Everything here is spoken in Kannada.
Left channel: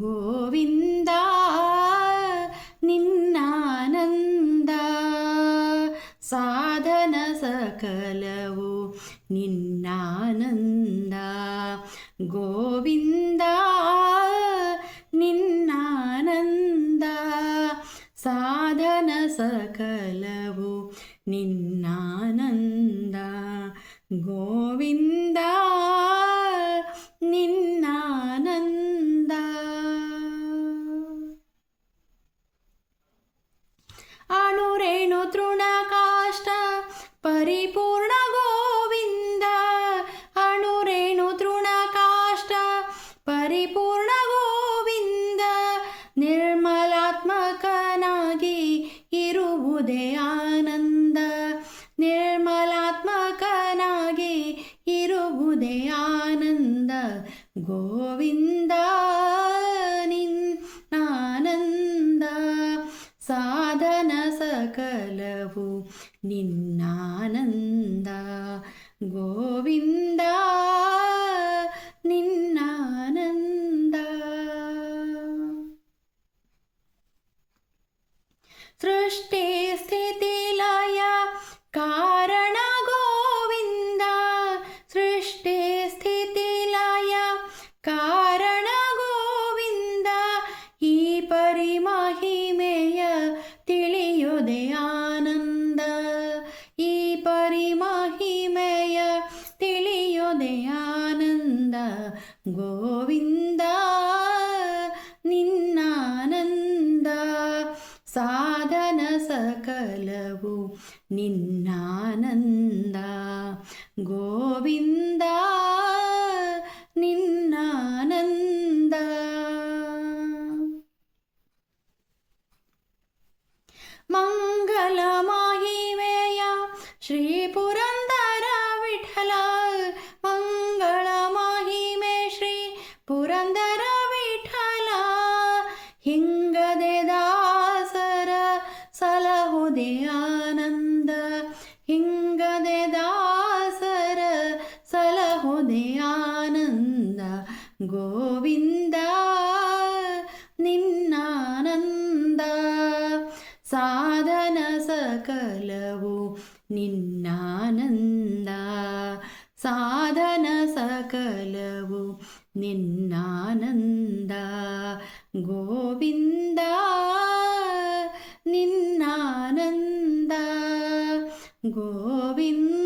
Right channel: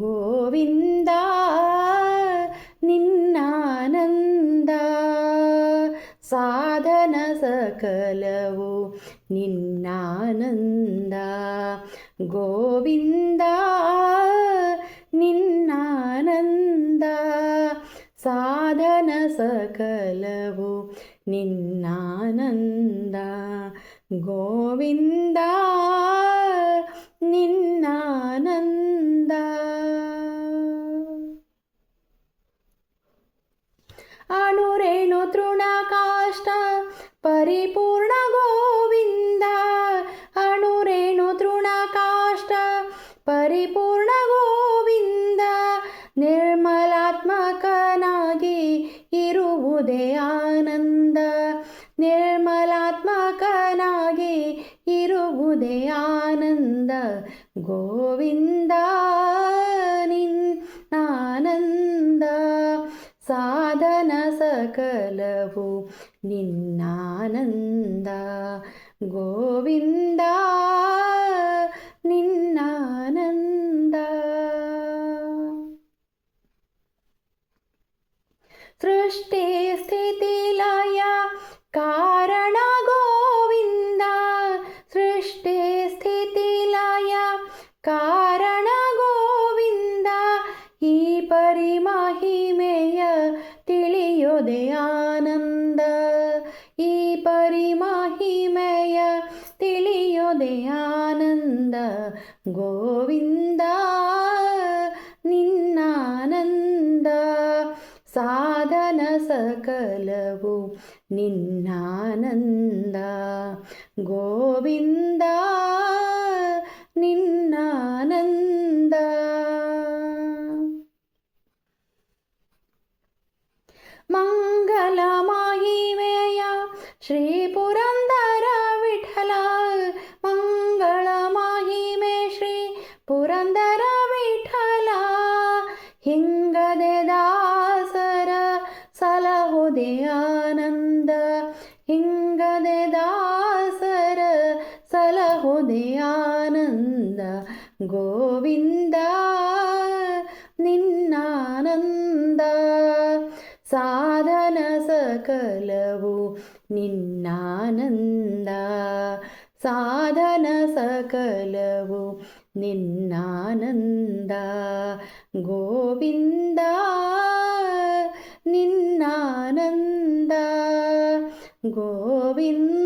ಗೋವಿಂದ ನಿನ್ನಾನಂದ ಸಾಧನ ಸಕಲವು ನಿನ್ನಾನಂದ ಗೋವಿಂದ ನಿನ್ನಾನಂದ ಸಾಧನ ಸಕಲವು ನಿನ್ನಾನಂದ ಗೋವಿಂದ ನಿನ್ನಾನಂದ ಅಣುರೇಣು ತೃಣಕಾಷ್ಟ ಪರಿಪೂರ್ಣ ಗೋವಿಂದ ಅಣುರೇಣು ತೃಣಕಾಷ್ಟ ಪರಿಪೂರ್ಣ ಗೋವಿಂದ ನಿರ್ಮಲಾತ್ಮಕನಾಗಿ ಇರುವುದೇ ಆನಂದ ನಿರ್ಮಲಾತ್ಮಕನಾಗಿ ಇರುವುದೇ ಆನಂದ ಗೋವಿಂದ ನಿನ್ನಾನಂದ ಸಾಧನ ಸಕಲವು ನಿನ್ನಾನಂದ ಗೋವಿಂದ ನಿನ್ನಾನಂದ ಸೃಷ್ಟಿ ಸ್ಥಿತಿ ಲಯ ಕಾರಣ ಗೋವಿಂದ ಸೃಷ್ಟಿ ಸ್ಥಿತಿ ಲಯ ಕಾರಣ ಗೋವಿಂದ ಈ ಪರಿಮಹಿಮೆಯ ತಿಳಿಯೋದೆ ಆನಂದ ಈ ಪರಿಮಹಿಮೆಯ ತಿಳಿಯೋದೆ ಆನಂದ ಗೋವಿಂದ ನಿನ್ನಾನಂದ ಸಾಧನ ಸಕಲವು ನಿನ್ನಾನಂದ ಗೋವಿಂದ ನಿನ್ನಾನಂದ ಮಂಗಲ ಮಹಿಮೆಯ ಶ್ರೀ ಪುರಂದರ ವಿಠಲ ಮಂಗಳ ಮಹಿಮೆ ಶ್ರೀ ಪುರಂದರ ವಿಠಲ ಹಿಂಗದೆ ದಾಸರ ಸಲಹುದೆ ಆನಂದ ಹಿಂಗದೆ ದಾಸರ ಸಲಹುದೆ ಆನಂದ ಗೋವಿಂದ ನಿನ್ನಾನಂದ ಸಾಧನ ಸಕಲವು ನಿನ್ನಾನಂದ ಸಾಧನ ಸಕಲವು ನಿನ್ನಾನಂದ ಗೋವಿಂದ ನಿನ್ನಾನಂದ ಗೋವಿಂದ